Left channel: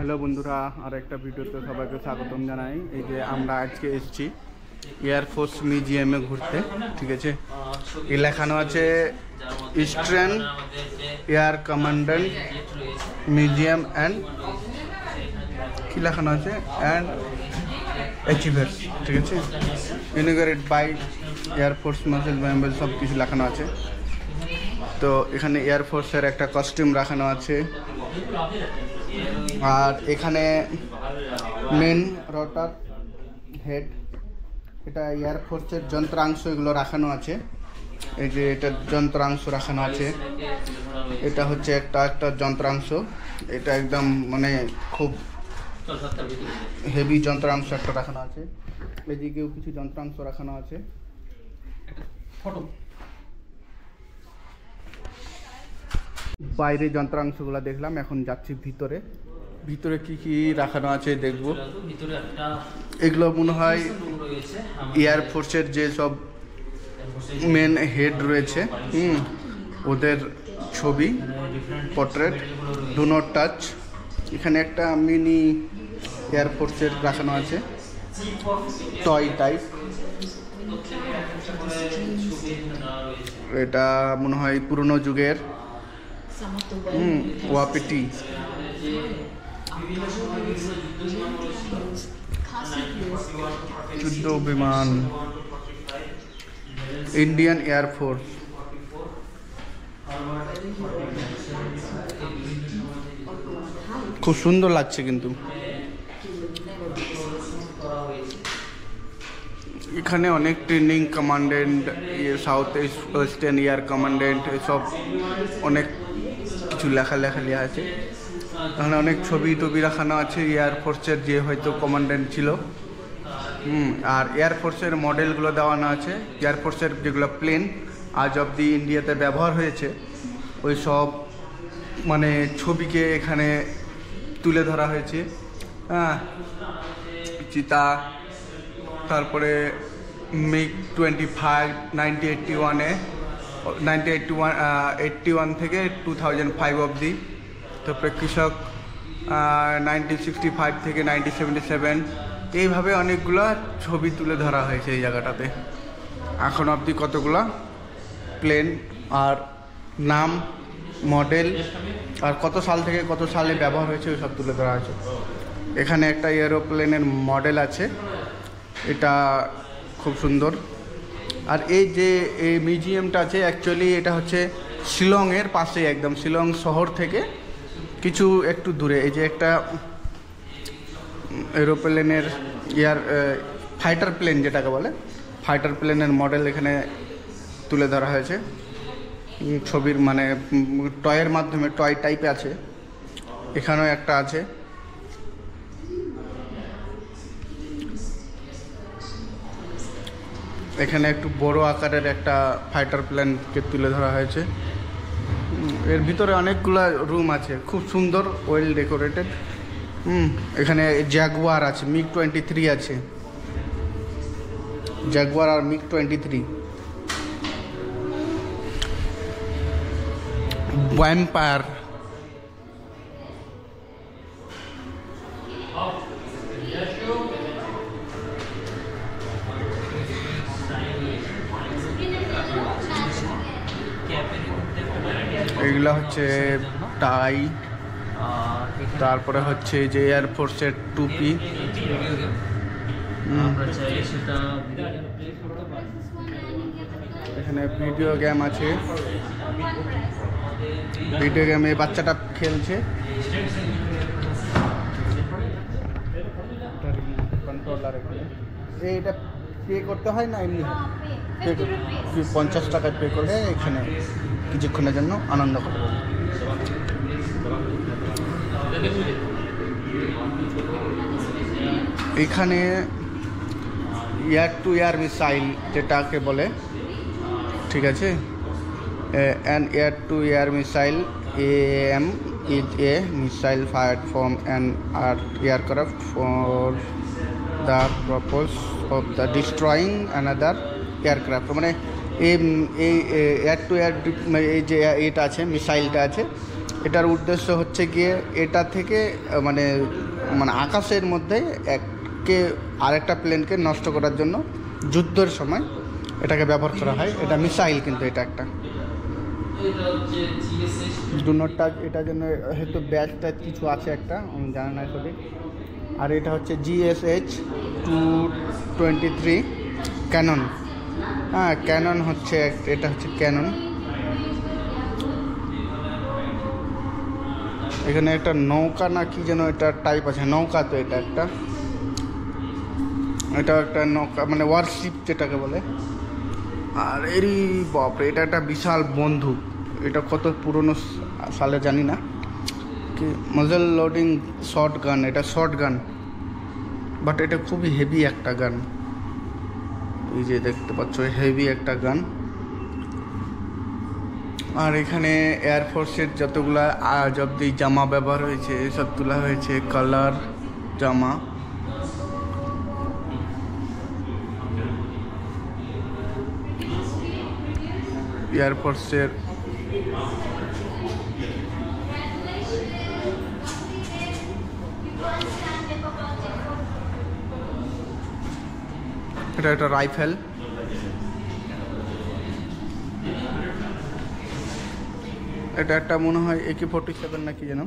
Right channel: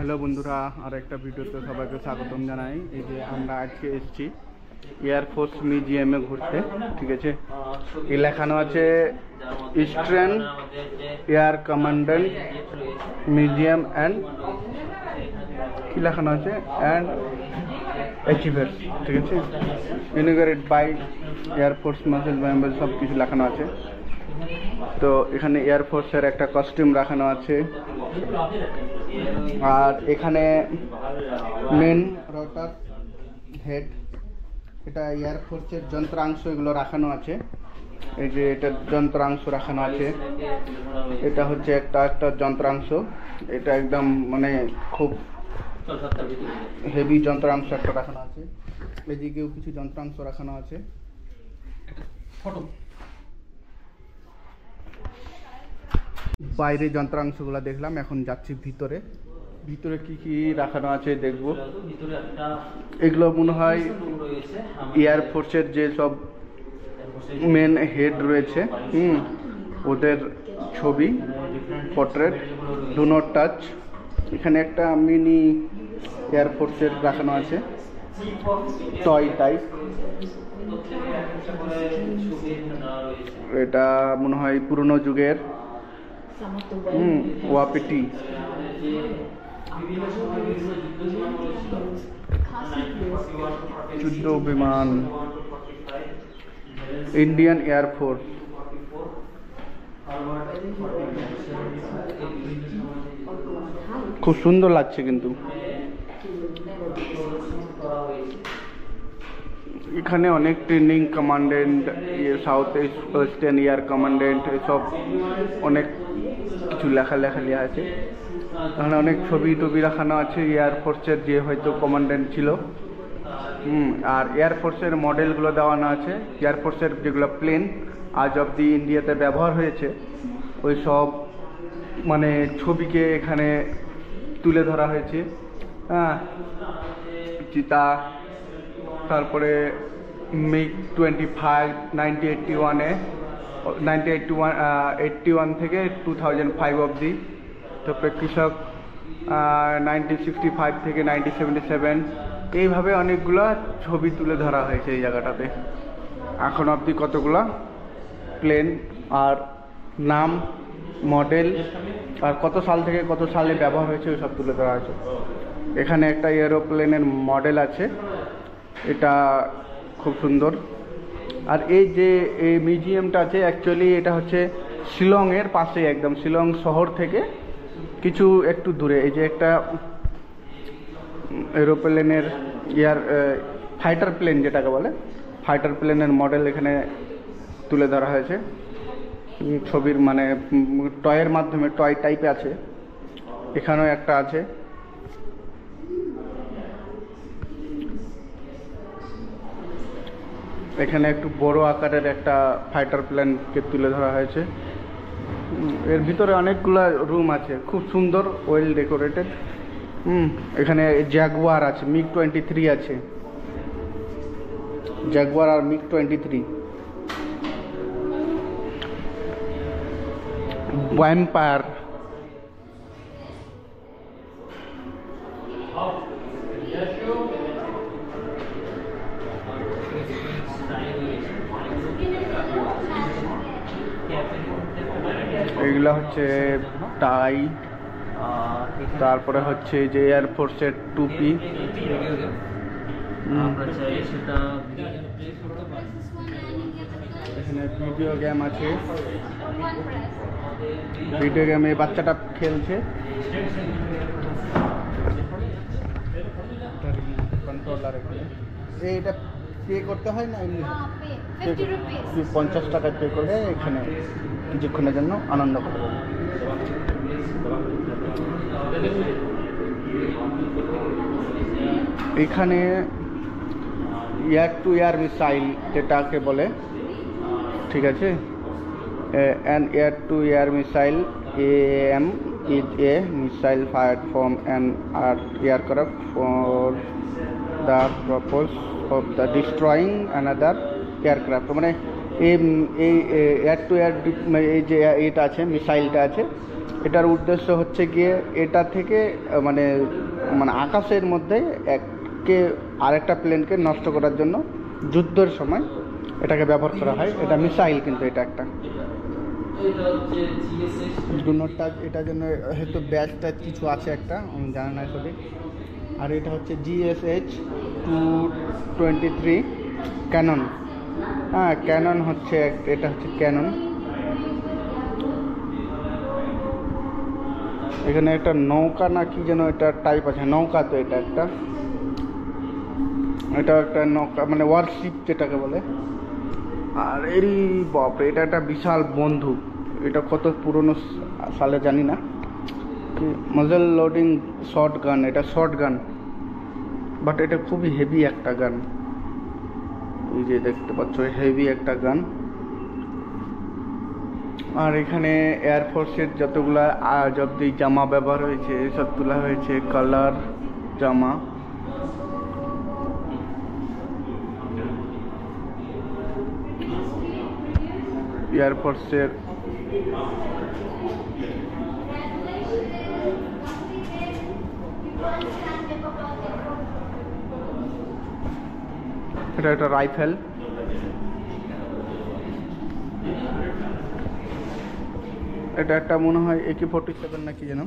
Hello বন্ধুরা, আর একটা ভিডিওতে সবাইকে স্বাগতম জানাই। এই যে আমরা আজকে এসেছি এয়ারফোর্স মিউজিয়ামে ঘুরতে, ঠিক আছে। এই লেখানো আছে eastern air commandant museum and কি লেখানো আছে অ্যান্ড অ্যাচিভার্স, ঠিক আছে। ইনঅগারেটেড বাই এয়ারফোর্স মার্শাল মেম্বার, সব কিছু লেখানো আছে। তো এখানে এয়ারফোর্সের একটা কস্টিউম রাখানো আছে, আর এখানে মেন রটার হেড, এটা এয়ারফোর্সের যন্ত্রাংশ এগুলো রাখানো আছে। এই যে এটা যন্ত্রাংশ রাখানো আছে, এটা হচ্ছে একটা যন্ত্রাংশ, এটা একদম মানে খুব হেভি যন্ত্রাংশ একটা রাখানো আছে। এদিকেও কিছু যন্ত্রাংশ রাখানো আছে। বাইরে যন্ত্রাংশগুলো দেখলাম, এখন যাচ্ছি ভিতরে। ভিতরে কি কি রাখানো আছে দেখব। এগুলো মনে হয় এয়ারফোর্সের যে সব মেন হেড রয়েছে, ওদের ছবি, পোর্ট্রেট, ডু নট টাচ। এখানে একটা মিনি এয়ারফোর্সের রাখানো আছে, টয় টাইপ। এটা মনে হয় পুরনো যুগের ওয়াপিটি। যুদ্ধ বিমান, ইন্ডিয়ান এয়ারফোর্স। খুব সুন্দর লাগছে কিন্তু। এখানে অনেক training commandant, south western air commandant, এসব অনেক কিছু লেখা আছে। এখানে অনেক ছবি টবি রাখানো আছে এয়ারফোর্সের যে হয়তো কমান্ডেন্ট ছিল। আর এয়ারফোর্সের মডেলগুলো দেওয়ানো আছে, এয়ারফোর্সের যেগুলো প্লেন আজ অবধি ইন্ডিয়াতে ব্যবহার হয়েছে, ওই সব মানে ছবিকে এখানে তুলে ধরা হয়েছে। চিতা, তারপরে মিগ 25 1981 থেকে 2005 অবধি। তারপরে কৃষক 1965 থেকে 1977, এইভাবে অনেকগুলো ছবি তুলে ধরা হয়েছে এই জায়গাটাতে। এখন অবধি কতগুলো প্লেন আর নাম, মডেল, আর কত সাল থেকে কত সালে ব্যবহার হয়েছে ওই সব তুলে ধরা হয়েছে। এখানে একটা এরোপ্লেনের মডেল আছে, এটা খুব সুন্দর। আর এই যে এই মিউজিয়ামটা আছে, অ্যাকচুয়ালি এটা হচ্ছে শিলংয়ের পাশে, একদম শিলং শহর থেকে কিছু একটু দূরে। এই যে একটা এরোপ্লেনের ফাইটার প্লেন যেটাকে বলে, ফাইটার প্লেনের মডেল এখানে তুলে ধরা হয়েছে ছবির, মানে টয়ের মাধ্যমে, টয় টাইপে আছে। এখানেও একটা আছে। এখানে একটু বড় আকারের একটা ফাইটার প্লেনকে তুলে ধরা হয়েছে। এর ভিতরে অনেকগুলো রুম আছে, খুব সুন্দর, ওয়েল ডেকোরেটেড। এখানে জাগুয়ার আছে, মিগ 23 আছে, জাগুয়ার আর মিগ 23। ভ্যাম্পায়ার, এগুলো হচ্ছে টাই, তারপরে হচ্ছে যে এয়ারফোর্সের টুপি। এখানে ভিডিও গেম আছে, ভিডিও গেমে বাচ্চাটা খেলছে। কন্ট্রোলার এখানে, এটা পে করতে হয় না এমনি? 50 টাকা পে করলে এখানে কিছুক্ষণের জন্য আনন্দ করতে পারবে। এখানে এয়ার টু এয়ার মিসাইল যেটাকে বলে, ঠিক আছে। An air two air missile AM is a missile fired from an aircraft for the purpose of the destroying another aircraft। মানে এই এয়ার টু এয়ার এই যে এটা আছে, মিসাইলটা আছে, এটার উদ্দেশ্য হচ্ছে গিয়ে এটা থেকে মানে মানে আকাশের মধ্যে এককে আরেকটা প্লেনকে নষ্ট করার জন্য যুদ্ধের সময় এটাকে ব্যবহার করা হয়। এটা মিসাইল, কিন্তু এটা একটা দুনোটা, এটার জন্য হয়তো ব্যাচ ট্যাচ কিছু আছে একটা, আমি জানি না সঠিক। আর এটা হচ্ছে GSH-223 ক্যানন। হ্যাঁ, ক্যানন হচ্ছে, এটা হচ্ছে ক্যানন। এখানে একটা নৌকা না কি যেন এটা টাইপ আছে, নৌকা তো এটা একটা নৌকা মানে ওয়ারশিপ যেটাকে বলে। আর এরই বাপরে, এটা একটা বিশাল বন্দুক। এটা কত পুরনো সালে জানি না কি, মজেল লোডিং শর্ট গান। এটা শর্ট গান, বাট এটা খুবই হেভি একটা গান। এই যে দেখতে পাচ্ছ, হেভি একটা গান। আর এখানে এয়ারফোর্সের যতগুলা আজ অব্দি জামা ব্যবহার হয়েছে এসব তোলা হয়েছে, কালার জামা। এয়ারফোর্সের এটা একটা রাইফেল। এটা একটা মনে হয় AK-47 নাকি যেন।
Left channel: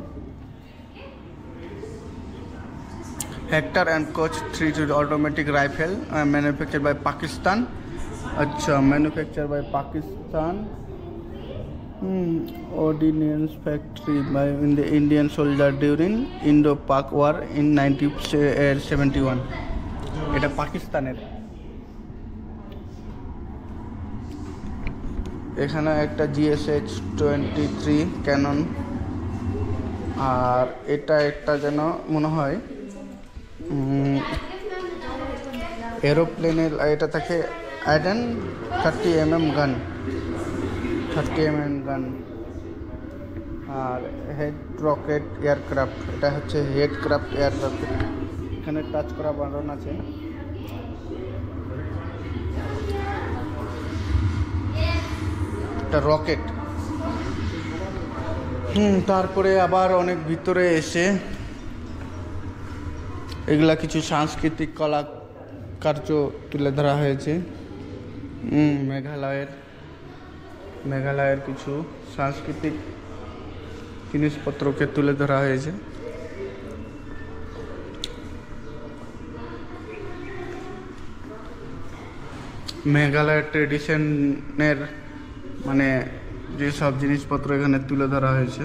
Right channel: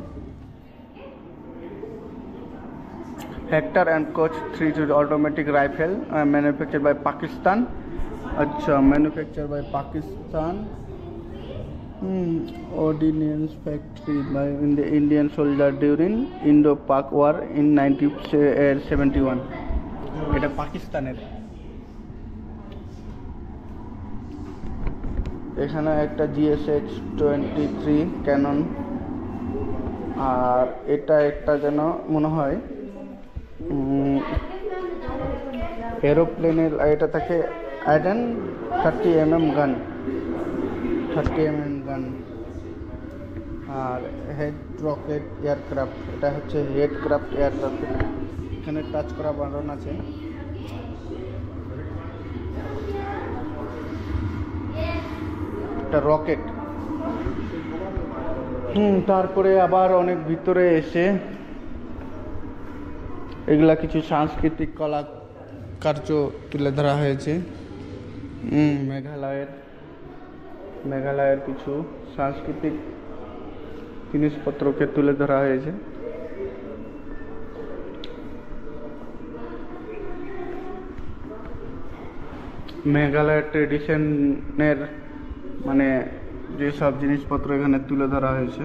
Heckler and Koch 3 automatic rifle manufacture by Pakistan. আচ্ছা, manufacture by Pakistan. Ordnance factory by in the Indian soldier during Indo-Pak War in 1971. এটা পাকিস্তানের। এখানে একটা GSH-23 ক্যানন। আর এটা একটা যেন মনে হয় এরোপ্লেনের, এটা থাকে আইডেন 30mm গান, 30mm গান। আর হেড রকেট এয়ারক্রাফট, এটা হচ্ছে হেড ক্রাফট এয়ারক্রাফট। এখানে টাচ করা বাটন আছে। এটা রকেট। তারপরে আবার অনেক ভিতরে এসে এগুলা কিছু সাংস্কৃতিক কলা কার্য তুলে ধরা হয়েছে। মেঘালয়ের কিছু সাংস্কৃতিক জিনিসপত্রকে তুলে ধরা হয়েছে। মেঘালয়ের ট্রেডিশনের মানে যেসব জিনিসপত্র এখানে তুলে ধরা হয়েছে।